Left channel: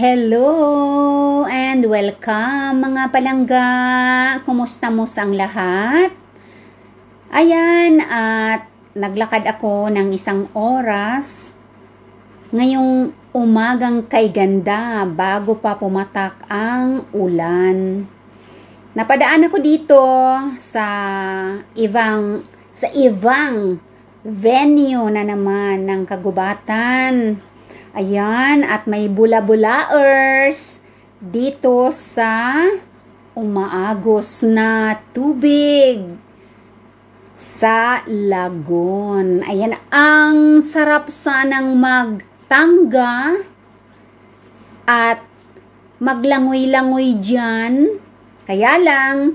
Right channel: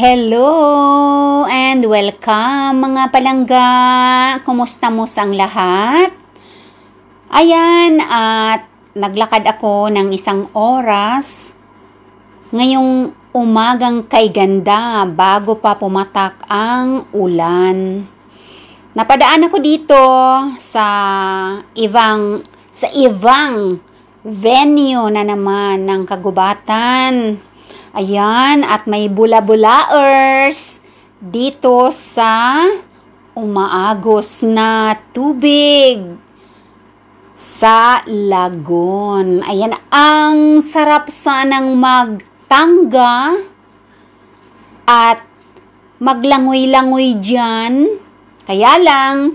Hello and welcome mga palangga! Kumusta mo sang lahat? Ayan, at naglakad ako ng isang oras ngayong umagang kay ganda bago pa pumatak ang ulan. Napadaan ako dito sa ibang venue na naman ng kagubatan. Ayan, at may bula-bulaers dito sa umaagos na tubig sa lagon. Ayan, ang sarap sanang magtangga at maglangoy-langoy dyan. Kaya lang,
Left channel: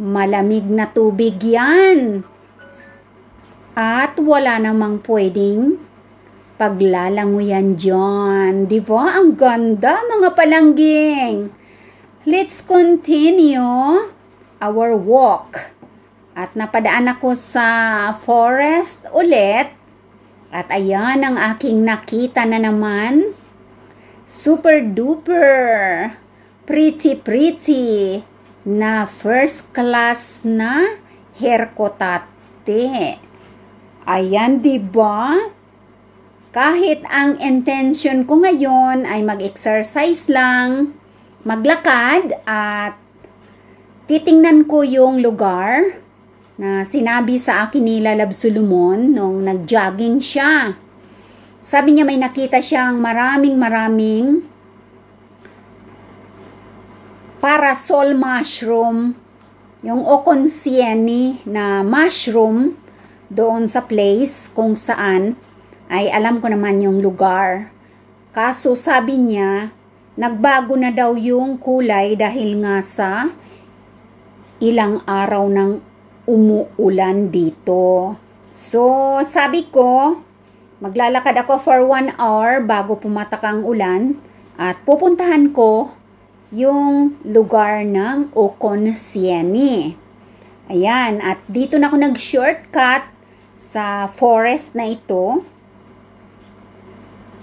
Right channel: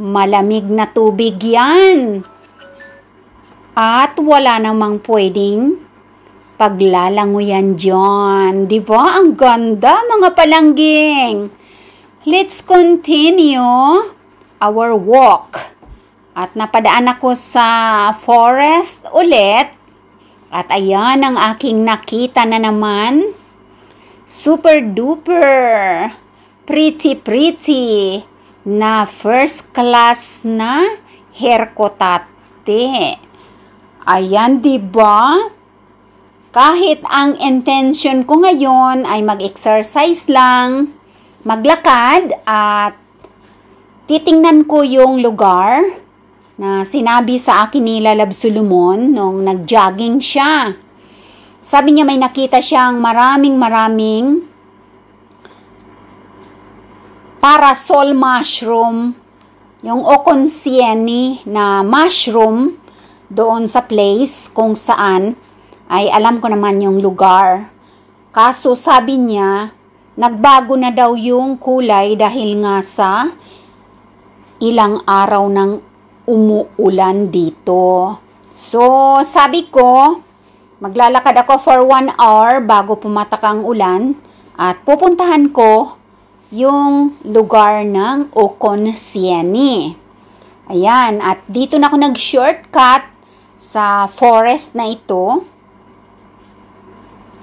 malamig na tubig yan. At wala namang pwedeng paglalangoyan dyan. Diba? Ang ganda, mga palangging. Let's continue our walk. At napadaan ako sa forest ulit. At ayan ang aking nakita na naman. Super duper. Pretty na first class na herkotate. Ayan, diba? Kahit ang intention ko ngayon ay mag-exercise lang, maglakad at titingnan ko yung lugar na sinabi sa akin ni Lalab Solomon nung nag-jogging siya. Sabi niya may nakita siyang maraming parasol mushroom, yung okonsieni na mushroom doon sa place kung saan ay alam ko naman yung lugar. Kaso sabi niya, nagbago na daw yung kulay dahil nga sa ilang araw ng umuulan dito. So, sabi ko, maglalakad ako for 1 hour bago pumatak ang ulan at pupuntahan ko yung lugar ng Oconsieni. Ayan, at dito na ako nag-shortcut sa forest na ito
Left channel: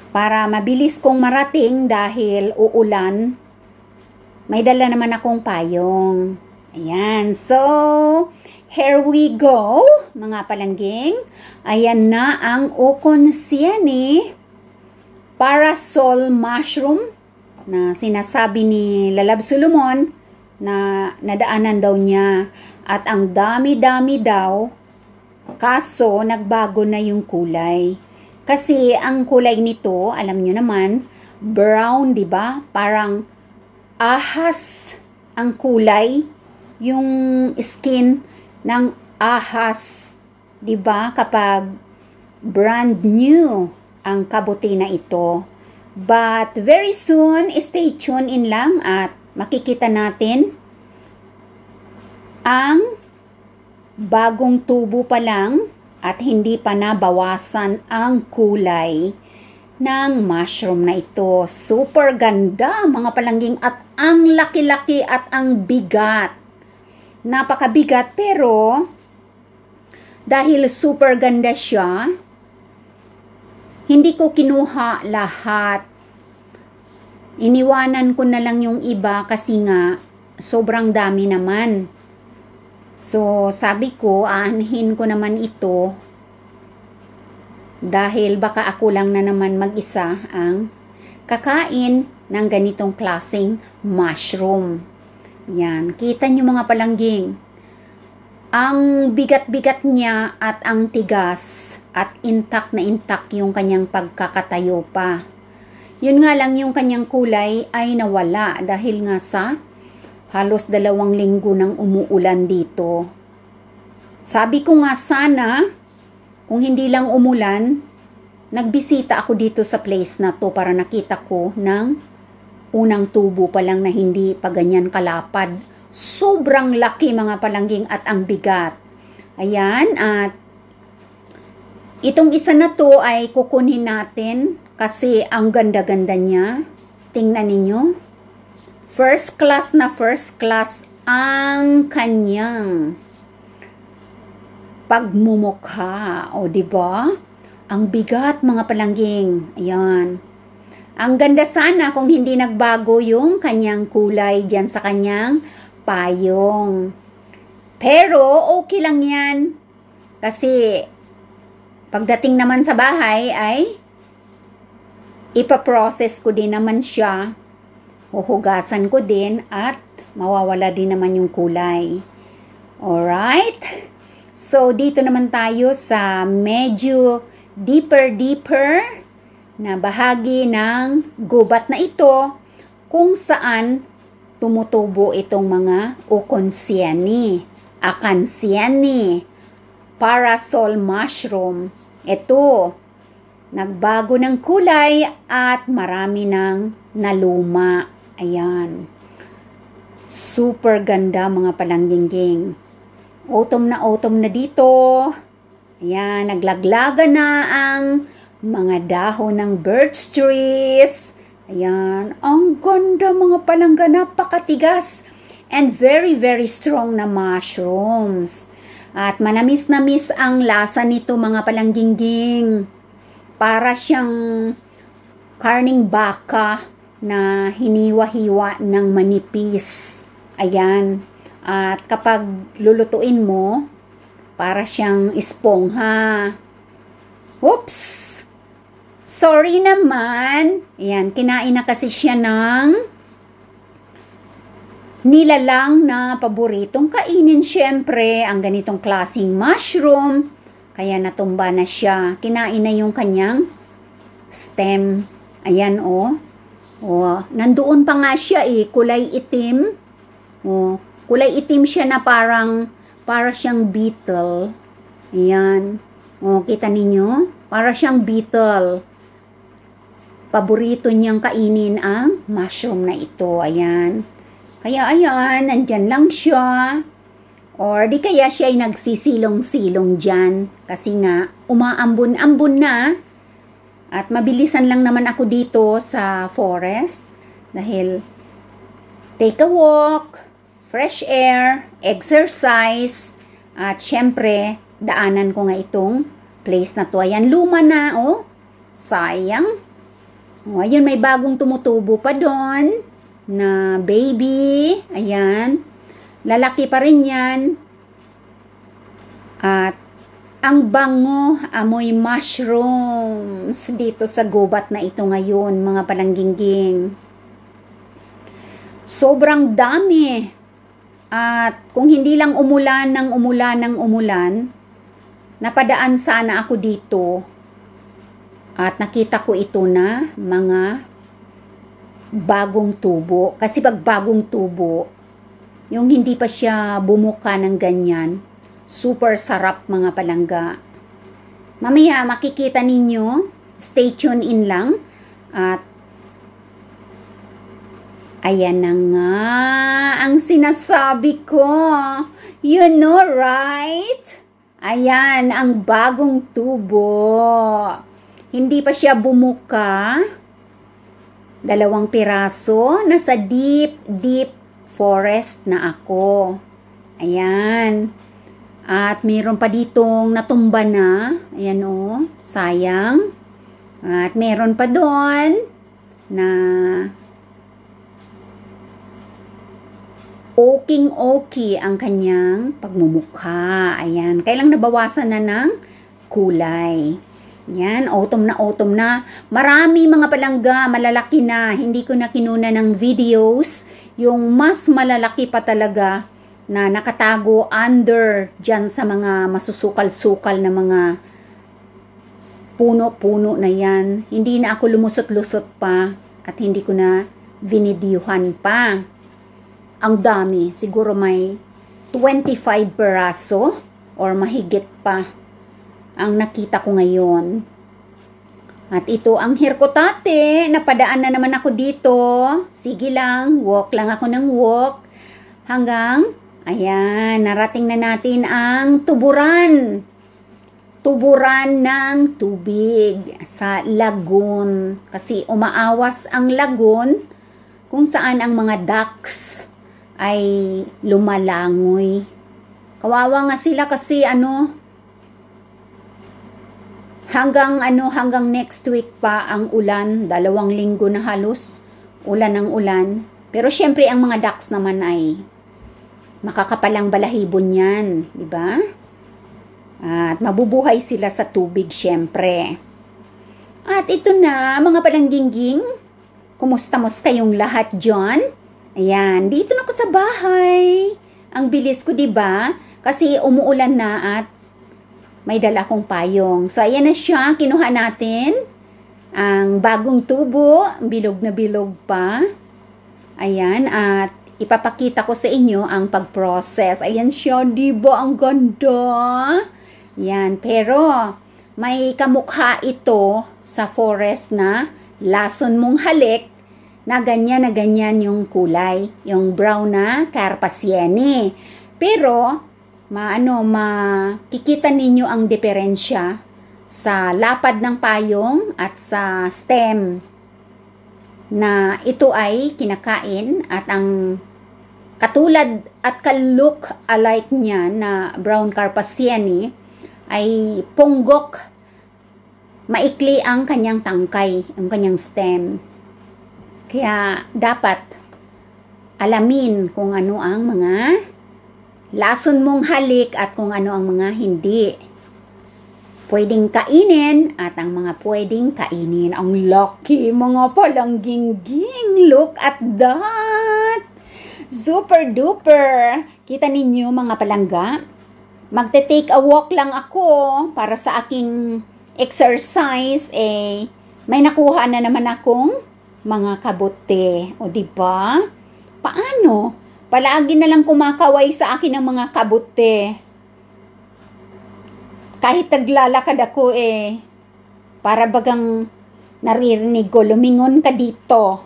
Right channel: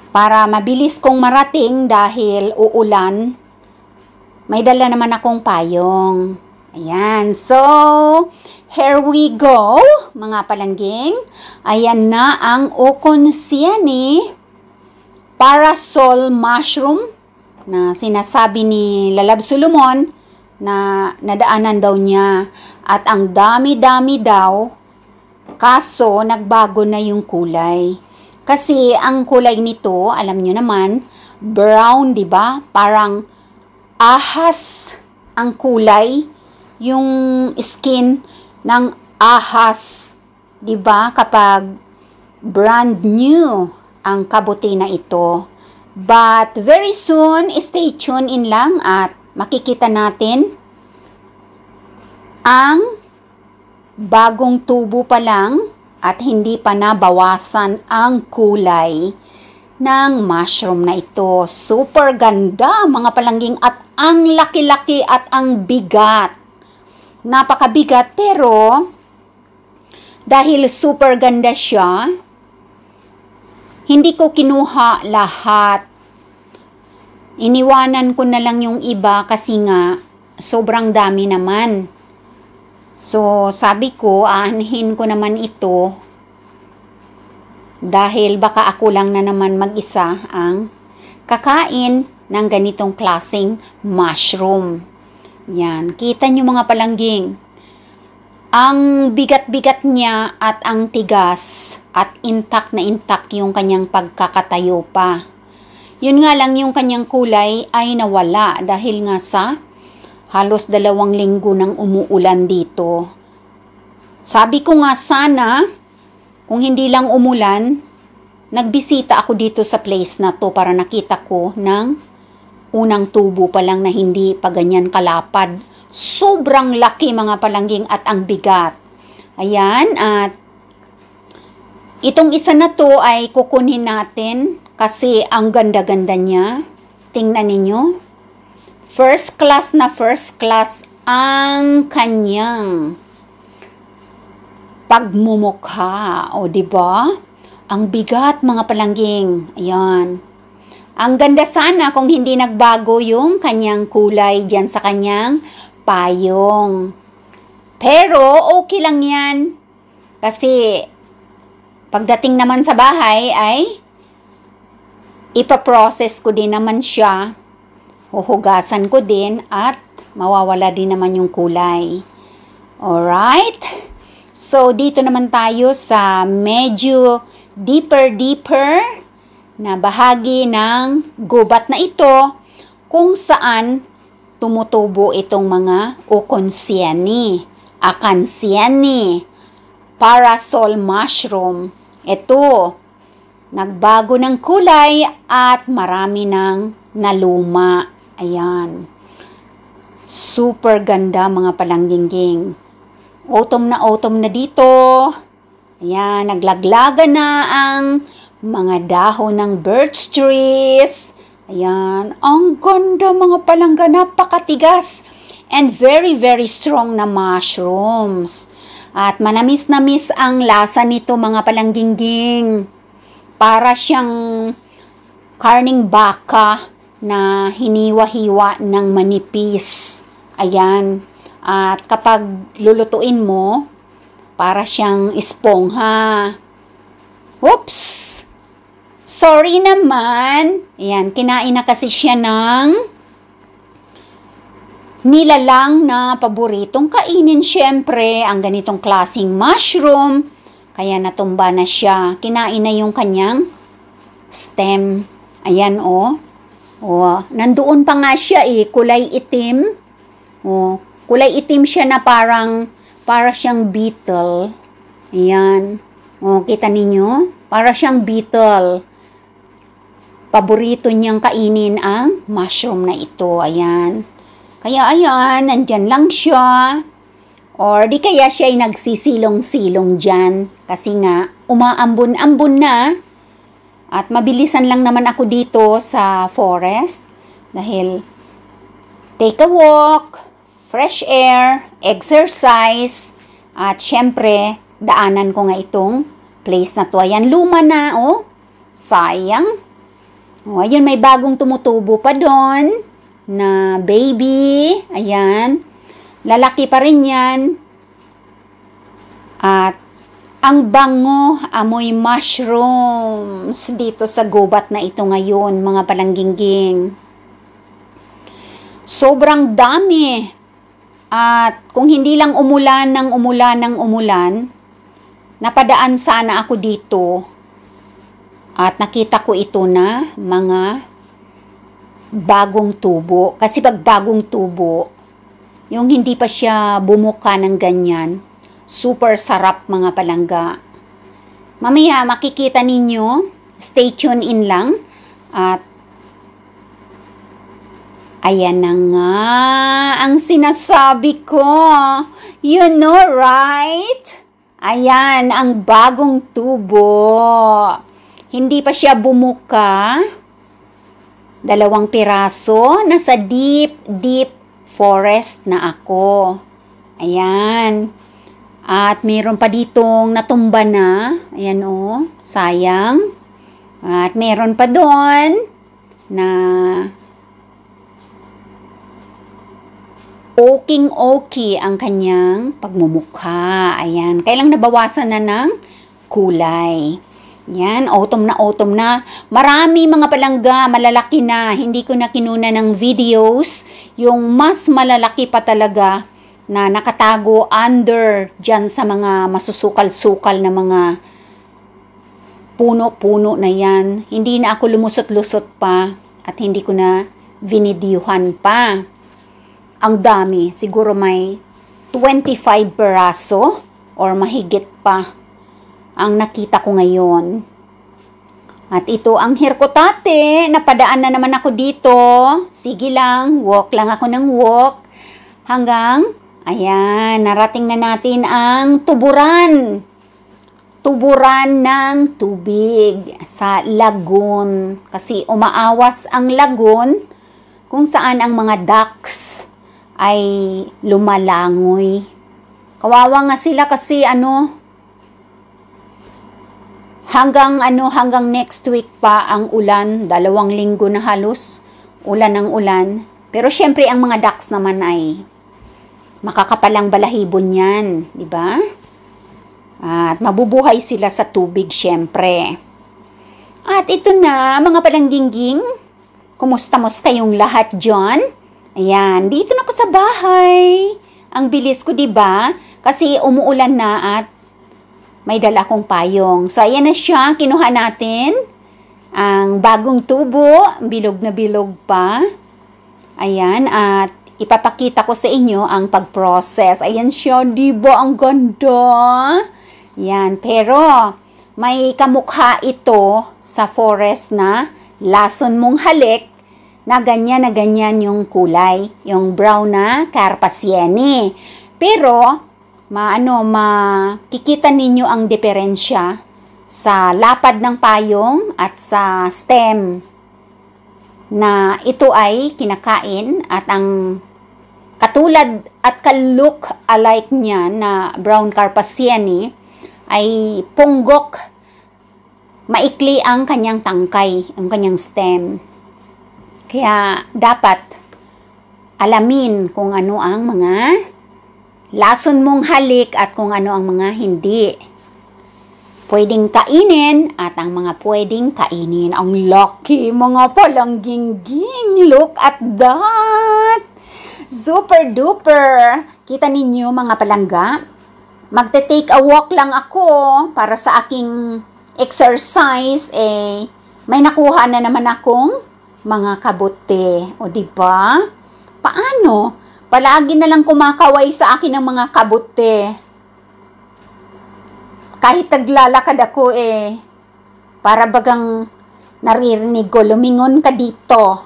para mabilis kong marating dahil uulan. May dala naman akong payong. Ayan. So, here we go, mga palangging. Ayan na ang Oconsieni parasol mushroom na sinasabi ni Lalab Solomon na nadaanan daw niya. At ang dami-dami daw, kaso nagbago na yung kulay. Kasi ang kulay nito, alam nyo naman, brown, di ba? Parang ahas ang kulay, yung skin ng ahas, di ba? Kapag brand new ang kabuti na ito. But very soon, stay tuned in lang at makikita natin ang bagong tubo pa lang at hindi pa nabawasan ang kulay ng mushroom na ito. Super ganda, mga palangging, at ang laki-laki at ang bigat. Napakabigat, pero dahil super ganda siya, hindi ko kinuha lahat. Iniwanan ko na lang yung iba kasi nga sobrang dami naman. So, sabi ko, aanhin ko naman ito dahil baka ako lang na naman mag-isa ang kakain ng ganitong klaseng mushroom. Yan. Kita nyo, mga palangging. Ang bigat-bigat niya at ang tigas at intact na intact yung kanyang pagkakatayo pa. Yun nga lang, yung kanyang kulay ay nawala dahil nga sa halos 2 linggo nang umuulan dito. Sabi ko nga sana, kung hindi lang umulan, nagbisita ako dito sa place na to para nakita ko ng unang tubo pa lang na hindi pa ganyan kalapad. Sobrang laki, mga palangging, at ang bigat. Ayan, at itong isa na to ay kukunin natin kasi ang ganda-ganda niya. Tingnan ninyo. First class ang kanyang pagmumukha. O, diba? Ang bigat, mga palangging. Ayan. Ang ganda sana kung hindi nagbago yung kanyang kulay dyan sa kanyang payong. Pero okay lang yan. Kasi pagdating naman sa bahay ay ipaprocess ko din naman siya. Huhugasan ko din at mawawala din naman yung kulay. Alright? So, dito naman tayo sa medyo deeper na bahagi ng gubat na ito kung saan tumutubo itong mga oconsiani, acansiani, parasol mushroom. Ito, nagbago ng kulay at marami ng naluma. Ayan. Super ganda mga palangging. Autumn na dito. Ayan, naglaglaga na ang mga dahon ng birch trees. Ayan, ang ganda mga palangga, napakatigas and very strong na mushrooms. At manamis-namis ang lasa nito mga palangging. Para siyang karning baka na hiniwa-hiwa ng manipis. Ayan. At kapag lulutuin mo, para siyang espongha. Oops! Sorry naman. Ayan, kinain na kasi siya ng nilalang na paboritong kainin syempre, ang ganitong klaseng mushroom. Kaya natumba na siya. Kinain na yung kanyang stem. Ayan o. Oh, nandoon pa nga siya kulay itim. Oh, kulay itim siya na para siyang beetle. Ayan. Oh, kita ninyo? Para siyang beetle. Paborito niyang kainin ang mushroom na ito. Ayan. Kaya ayan, nandyan lang siya. Or di kaya siya ay nagsisilong-silong dyan. Kasi nga, umaambon-ambon na. At mabilisan lang naman ako dito sa forest. Dahil take a walk, fresh air, exercise, at syempre, daanan ko nga itong place na to. Ayan, luma na, oh. Sayang. Oh, ayun, may bagong tumutubo pa doon na baby. Ayan. Lalaki pa rin yan. At ang bango, amoy mushrooms dito sa gubat na ito ngayon, mga palangging. Sobrang dami. At kung hindi lang umulan, napadaan sana ako dito. At nakita ko ito na mga bagong tubo. Kasi pag bagong tubo, yung hindi pa siya bumuka ng ganyan, super sarap mga palangga. Mamaya makikita ninyo, stay tuned in lang. At ayan na nga ang sinasabi ko. You know, right? Ayan ang bagong tubo. Hindi pa siya bumuka. 2 piraso. Nasa deep forest na ako. Ayan. At mayroon pa ditong natumba na. Ayan o. Sayang. At mayroon pa doon na okay ang kanyang pagmumukha. Ayan. Kailang nabawasan na ng kulay. Yan, autumn na. Marami mga palangga, malalaki na. Hindi ko na kinuna ng videos. Yung mas malalaki pa talaga na nakatago under dyan sa mga masusukal-sukal na mga puno-puno na yan. Hindi na ako lumusot-lusot pa at hindi ko na vinidyuhan pa. Ang dami. Siguro may 25 peraso or mahigit pa ang nakita ko ngayon. At ito ang hirkotate. Napadaan na naman ako dito. Sige lang, walk lang ako ng walk. Hanggang, ayan, narating na natin ang tuburan. Tuburan ng tubig sa lagoon. Kasi umaawas ang lagoon kung saan ang mga ducks ay lumalangoy. Kawawa nga sila kasi hanggang next week pa ang ulan, 2 linggo na halos, ulan ng ulan. Pero syempre ang mga ducks naman ay makakapalang balahibon yan, di ba? At mabubuhay sila sa tubig syempre. At ito na mga palanggingging, kumusta kayong lahat dyan? Ayan, dito na ako sa bahay. Ang bilis ko, di ba? Kasi umuulan na at may dala kong payong. So, ayan na siya. Kinuha natin ang bagong tubo. Bilog na bilog pa. Ayan. At ipapakita ko sa inyo ang pag-process. Ayan siya. Diba? Ang ganda. Ayan. Pero, may kamukha ito sa forest na lason mong halik na ganyan yung kulay. Yung brown na Carpasiene. Pero, makikita ninyo ang diferensya sa lapad ng payong at sa stem na ito ay kinakain at ang katulad at ka-look alike niya na brown Carpasiene ay punggok, maikli ang kanyang tangkay, ang kanyang stem. Kaya dapat alamin kung ano ang mga lason mong halik at kung ano ang mga hindi pwedeng kainin at ang mga pwedeng kainin. Ang lucky mga palanggingging. Look at that! Super duper! Kita ninyo mga palangga? Magte-take a walk lang ako para sa aking exercise. May nakuha na naman akong mga kabote. O diba? Paano? Palagi na lang kumakaway sa akin ng mga kabote. Kahit naglalakad ako para bagang naririnig ko, lumingon ka dito.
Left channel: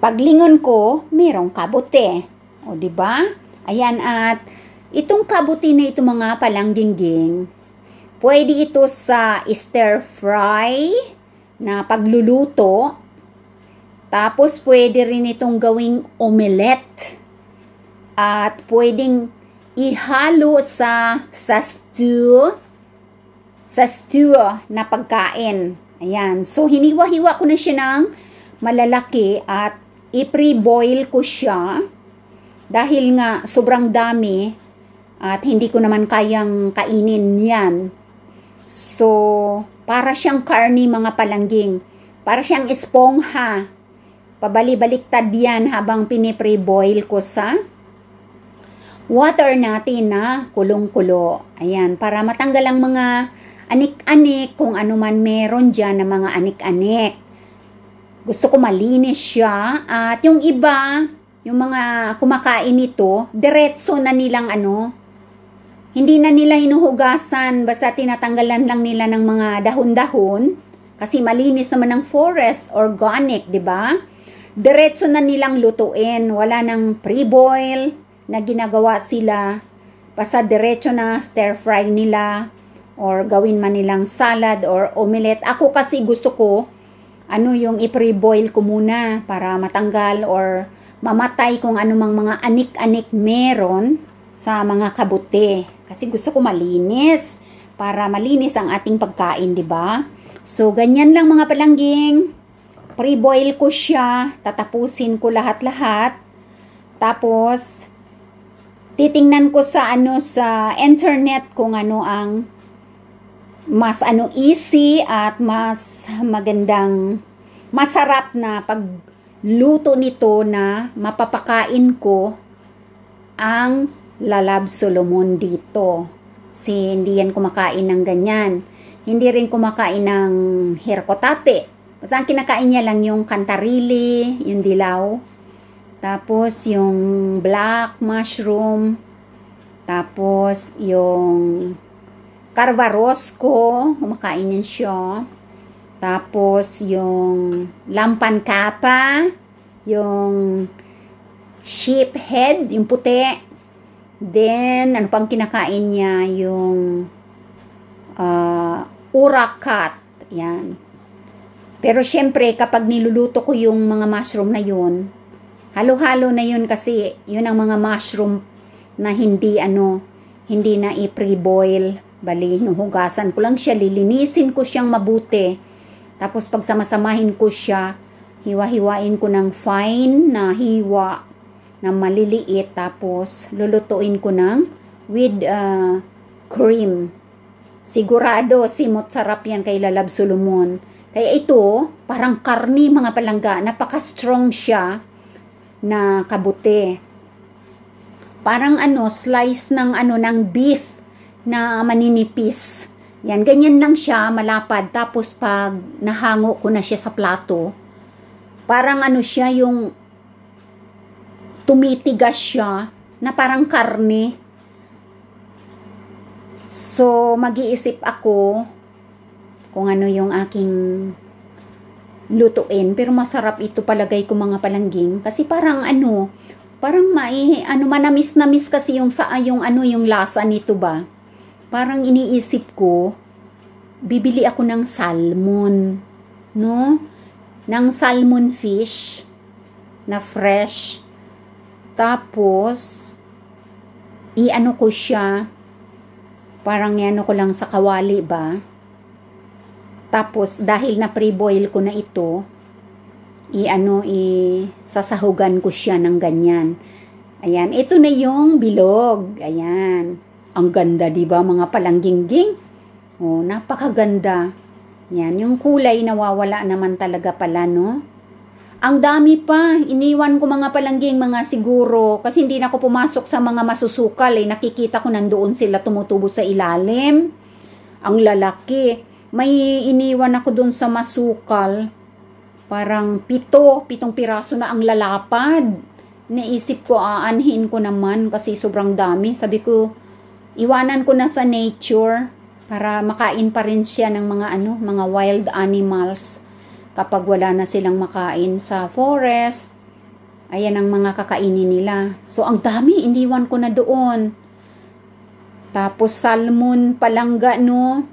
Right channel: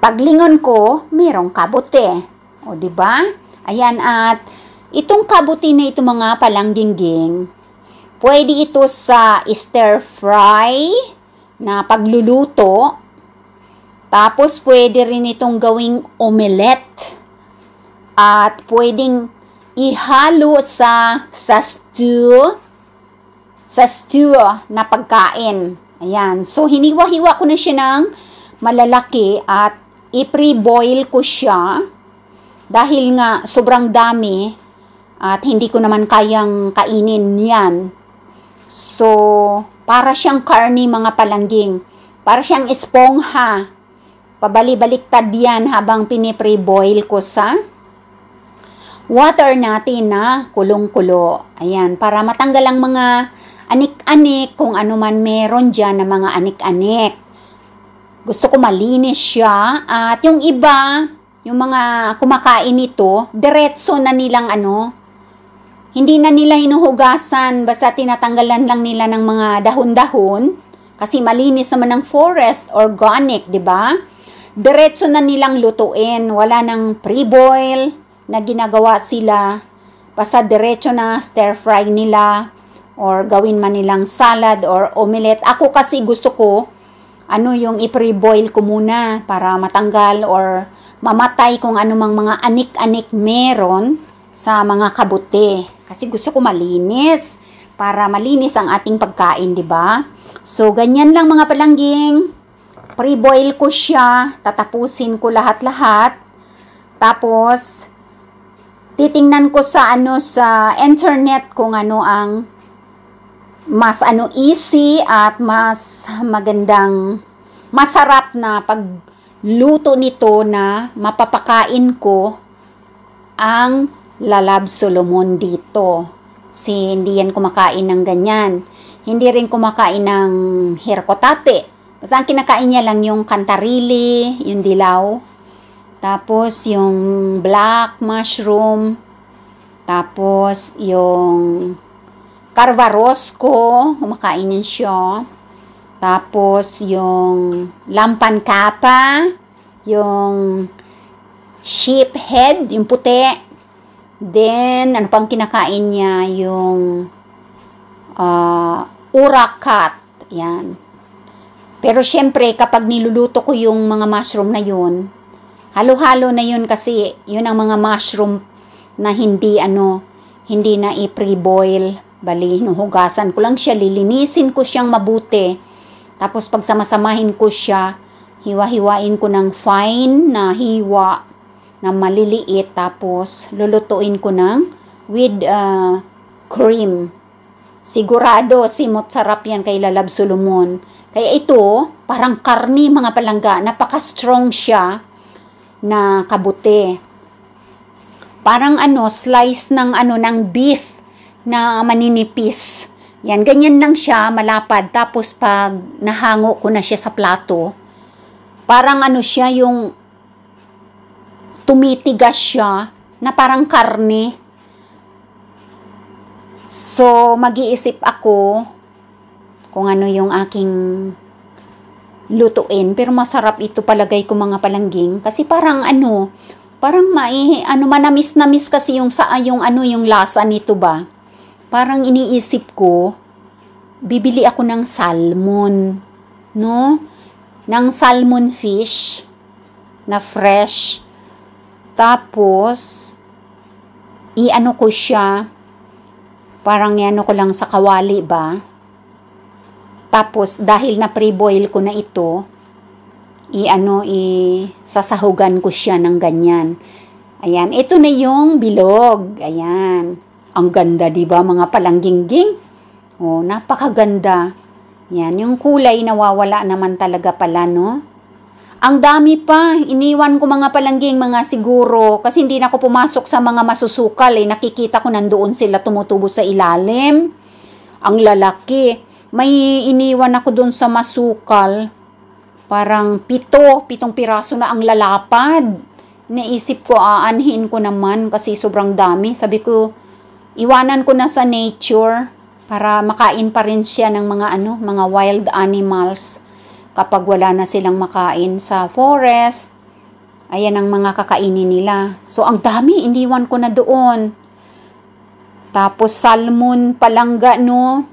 Paglingon ko, merong kabote. O diba? Ayan, at itong kabote na ito mga palanggingging, pwede ito sa stir fry na pagluluto. Tapos, pwede rin itong gawing omelette. At pwedeng ihalo sa stew na pagkain. Ayan. So, hiniwa-hiwa ko na siya ng malalaki at i-pre-boil ko siya. Dahil nga, sobrang dami at hindi ko naman kayang kainin yan. So, para siyang karni mga palangging. Para siyang espongha. Pabali-baliktad yan habang pinipre-boil ko sa water natin na kulong-kulo. Ayan, para matanggal ang mga anik-anik, kung ano man meron dyan na mga anik-anik. Gusto ko malinis siya. At yung iba, yung mga kumakain nito, diretso na nilang hindi na nila hinuhugasan, basta tinatanggalan lang nila ng mga dahon-dahon. Kasi malinis naman ng forest, organic, di ba? Diretso na nilang lutuin. Wala nang pre-boil na ginagawa sila. Basta diretso na stir fry nila or gawin man nilang salad or omelette. Ako kasi gusto ko yung i-pre-boil ko muna para matanggal or mamatay kung anumang mga anik-anik meron sa mga kabote. Kasi gusto ko malinis para malinis ang ating pagkain, di ba? So, ganyan lang mga palangging. Pre-boil ko siya, tatapusin ko lahat-lahat. Tapos, titingnan ko sa sa internet kung ano ang mas easy at mas magandang, masarap na pagluto nito na mapapakain ko ang Lalab Solomon dito. Kasi hindi yan kumakain ng ganyan. Hindi rin kumakain ng herkotate. Basta ang kinakain niya lang yung kantarili, yung dilaw, tapos yung black mushroom, tapos yung carvarosco, kumakain niya siya, tapos yung lampan kapa, yung sheep head, yung puti, then ano pang kinakain niya, yung urakat, yan. Pero syempre, kapag niluluto ko yung mga mushroom na yun, halo-halo na yun kasi yun ang mga mushroom na hindi na i-pre-boil. Bali, hugasan ko lang siya, lilinisin ko siyang mabuti. Tapos pag samasamahin ko siya, hiwa-hiwain ko ng fine na hiwa na maliliit. Tapos lulutuin ko ng with cream. Sigurado, simot sarap yan kay Lalab Solomon. Kaya ito, parang karni mga palangga. Napaka-strong siya na kabuti. Parang slice ng ng beef na maninipis. Yan, ganyan lang siya, malapad. Tapos pag nahango ko na siya sa plato, parang siya yung tumitigas siya na parang karne. So, mag-iisip ako kung ano yung aking lutuin. Pero masarap ito palagay ko mga palangging. Kasi parang parang manamis-namis kasi yung lasa nito ba. Parang iniisip ko, bibili ako ng salmon, no? Ng salmon fish na fresh. Tapos, ko siya, parang ko lang sa kawali ba? Tapos, dahil na pre-boil ko na ito, sasahugan ko siya ng ganyan. Ayan, ito na yung bilog. Ayan. Ang ganda, di ba, mga palangging-ging? Oh, napakaganda. Yan, yung kulay nawawala naman talaga pala, no? Ang dami pa. Iniwan ko mga palangging, mga siguro, kasi hindi na ako pumasok sa mga masusukal, Nakikita ko nandoon sila tumutubo sa ilalim. Ang lalaki. May iniwan ako doon sa masukal. Parang 7 piraso na ang lalapad. Naisip ko, aanhin ko naman kasi sobrang dami. Sabi ko, iwanan ko na sa nature para makain pa rin siya ng mga wild animals kapag wala na silang makain sa forest. Ayan ang mga kakainin nila. So, ang dami, iniwan ko na doon. Tapos, salmon palangga, no?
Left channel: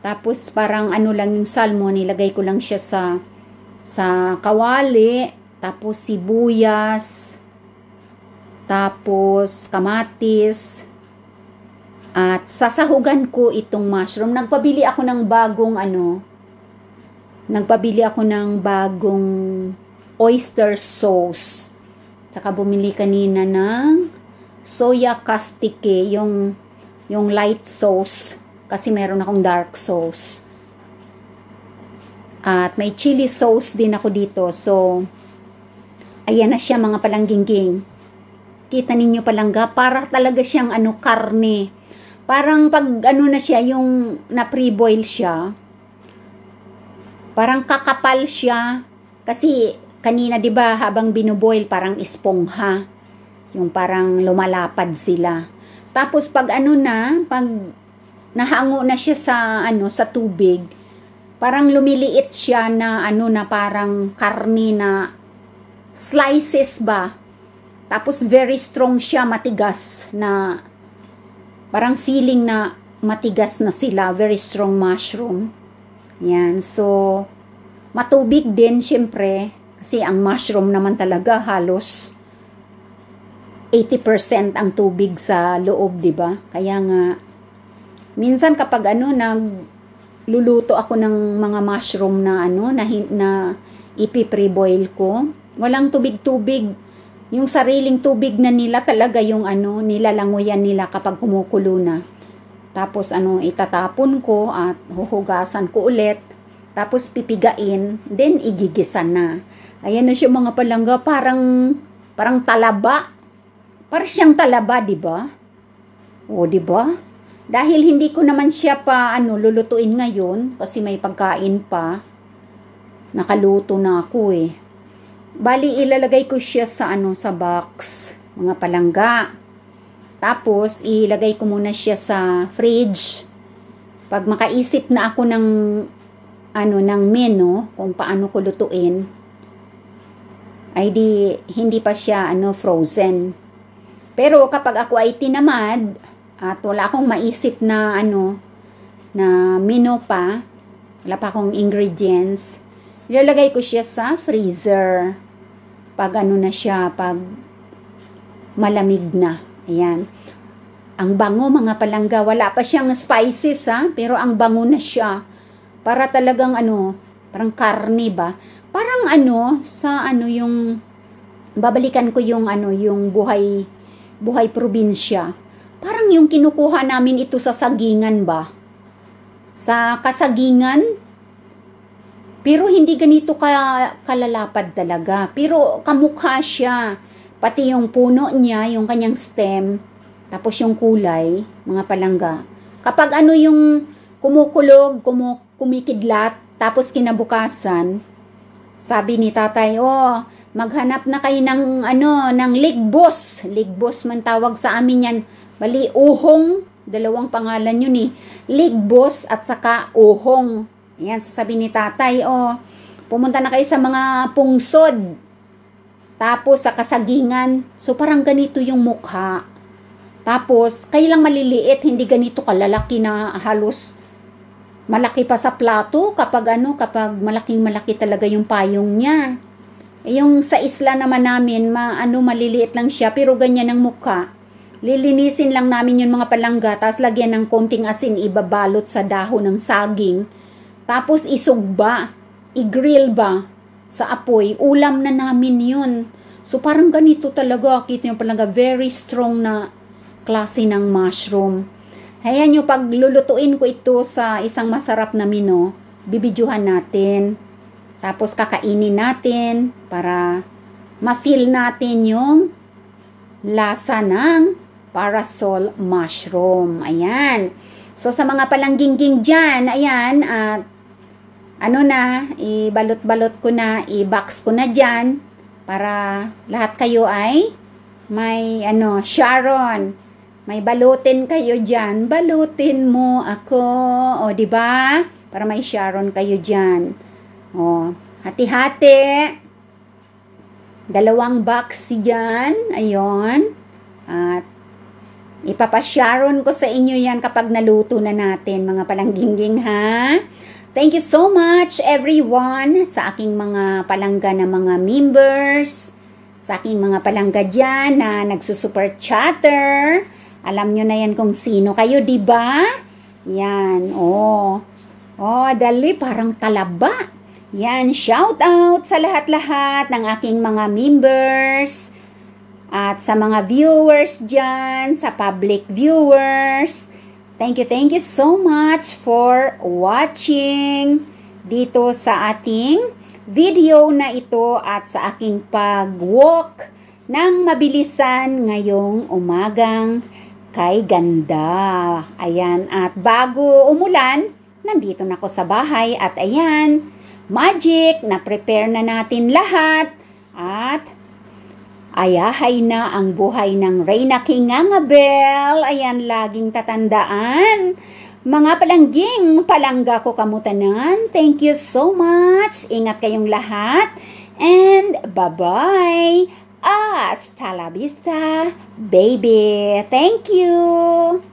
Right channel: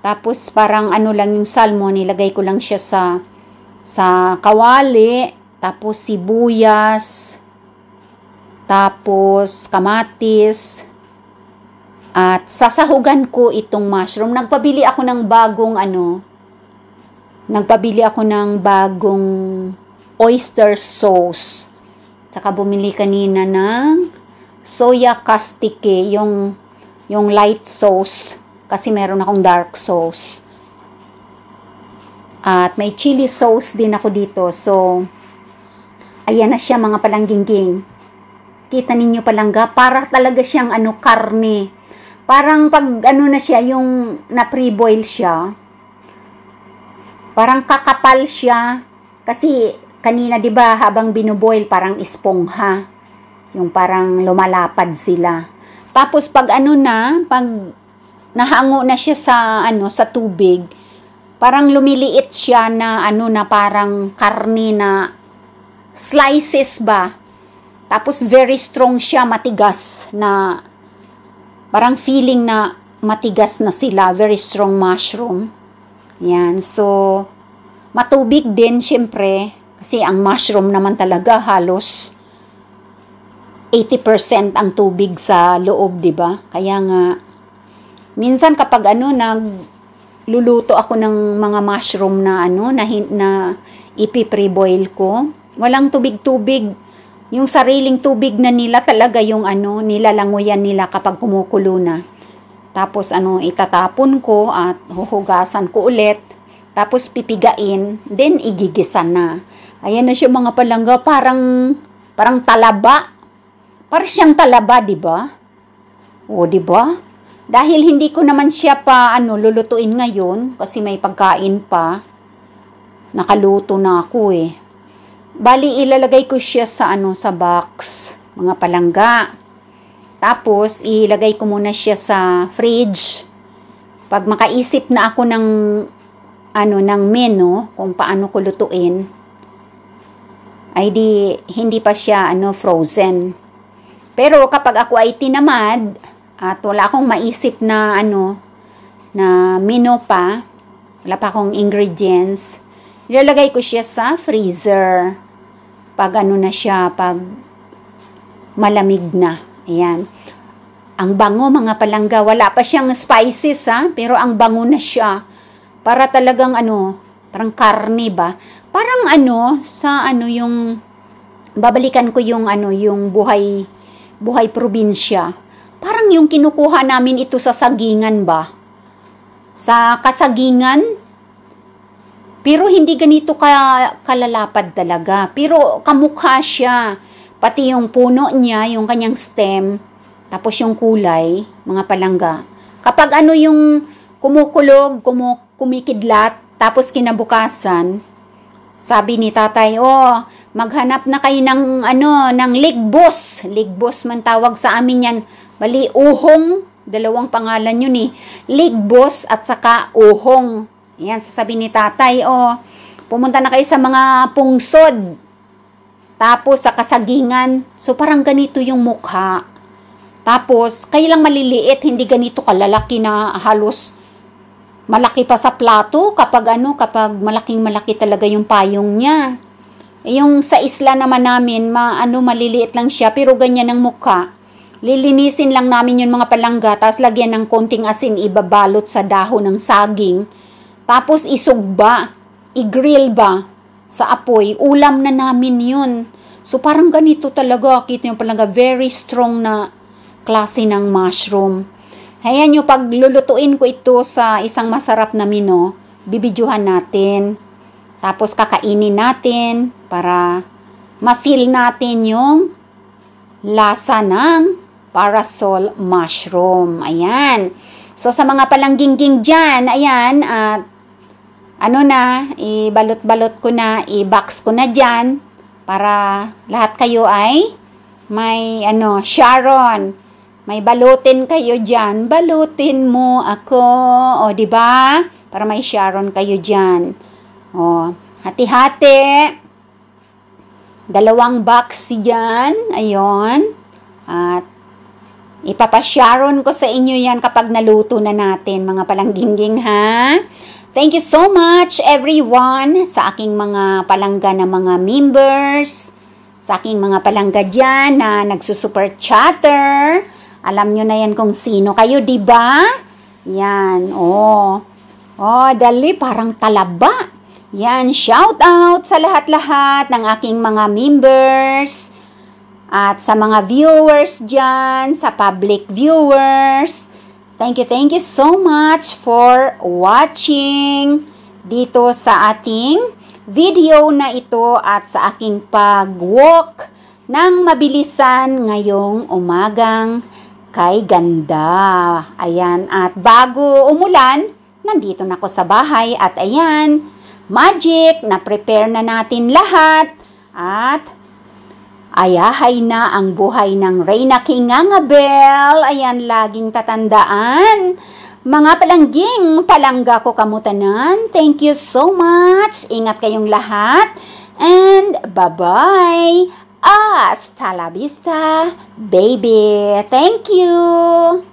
Tapos, parang lang yung salmon, nilagay ko lang siya sa kawali. Tapos, sibuyas. Tapos, kamatis. At sasahugan ko itong mushroom. Nagpabili ako ng bagong oyster sauce. Tsaka bumili kanina ng soya castike, yung light sauce. Kasi meron akong dark sauce. At may chili sauce din ako dito. So, ayan na siya mga palangging-ging. Kita ninyo palangga, para talaga siyang karne. Parang pag na siya, yung na-pre-boil siya, parang kakapal siya. Kasi kanina, di ba, habang binuboil, parang espongha. Yung parang lumalapad sila. Tapos pag pag nahango na siya sa tubig, parang lumiliit siya na na parang karne na slices ba. Tapos very strong siya, matigas na parang feeling na matigas na sila, very strong mushroom. Yan, so matubig din syempre kasi ang mushroom naman talaga halos 80% ang tubig sa loob, 'di ba? Kaya nga minsan kapag nagluluto ako ng mga mushroom na na ipi-pre-boil ko, walang tubig-tubig. Yung sariling tubig na nila talaga yung nilalangoyan nila kapag kumukulo na. Tapos itatapon ko at huhugasan ko ulit. Tapos pipigain, then igigisa na. Ayan na siya mga palangga, parang talaba. Parang siyang talaba, di ba? O, di ba? Dahil hindi ko naman siya pa lulutuin ngayon kasi may pagkain pa. Nakaluto na ako Bali, ilalagay ko siya sa sa box, mga palangga. Tapos, ilagay ko muna siya sa fridge. Pag makaisip na ako ng menu, kung paano ko lutuin, ay hindi pa siya frozen. Pero kapag ako ay tinamad, at wala akong maisip na na menu pa, wala pa akong ingredients, ilalagay ko siya sa freezer. Pag na siya, pag malamig na. Ayan. Ang bango mga palangga, wala pa siyang spices ha, pero ang bango na siya. Para talagang parang karne ba? Parang sa yung, babalikan ko yung yung buhay probinsya. Parang yung kinukuha namin ito sa sagingan ba? Sa kasagingan, pero hindi ganito kalalapad talaga. Pero kamukha siya. Pati yung puno niya, yung kanyang stem, tapos yung kulay, mga palangga. Kapag yung kumukulog, kumikidlat, tapos kinabukasan, sabi ni tatay, maghanap na kayo ng ng ligbos. Ligbos man tawag sa amin yan. Bali, uhong, dalawang pangalan yun Ligbos at saka uhong. Yan, sasabi ni tatay, pumunta na kayo sa mga pungsod. Tapos sa kasagingan, so parang ganito yung mukha. Tapos, kayo lang maliliit, hindi ganito kalalaki na halos malaki pa sa plato kapag kapag malaking-malaki talaga yung payong niya. Yung sa isla naman namin, maliliit lang siya, pero ganyan ang mukha. Lilinisin lang namin yung mga palangga, tapos lagyan ng konting asin, ibabalot sa dahon ng saging. Tapos isugba, i-grill ba sa apoy, ulam na namin yun. So parang ganito talaga, kita nyo palangga, very strong na klase ng mushroom. Hayaan nyo, pag lulutuin ko ito sa isang masarap na mino, bibidyohan natin. Tapos kakainin natin para ma-feel natin yung lasa ng parasol mushroom. Ayan. So sa mga palangging dyan, ayan, at ibalot-balot ko na, i-box ko na dyan para lahat kayo ay may Sharon, may balutin kayo dyan. Balutin mo ako, di ba? Para may Sharon kayo dyan. Hati-hati. 2 box dyan. Ayun. At ipapasharon ko sa inyo yan kapag naluto na natin, mga palangging ha. Thank you so much everyone sa aking mga palangga na mga members, sa aking mga palangga dyan na nagsusuper chatter. Alam nyo na yan kung sino kayo, di ba? Yan, dali, parang talaba. Yan, shout out sa lahat-lahat ng aking mga members at sa mga viewers dyan, sa public viewers. Thank you so much for watching dito sa ating video na ito at sa aking pag-walk ng mabilisan ngayong umagang kay ganda. Ayan, at bago umulan, nandito na ako sa bahay at ayan, magic, na-prepare na natin lahat at ayahay na ang buhay ng Reyna King Angabel. Ayan, laging tatandaan. Mga palangging, palangga ko kamutanan. Thank you so much. Ingat kayong lahat. And bye-bye. Hasta la vista, baby. Thank you.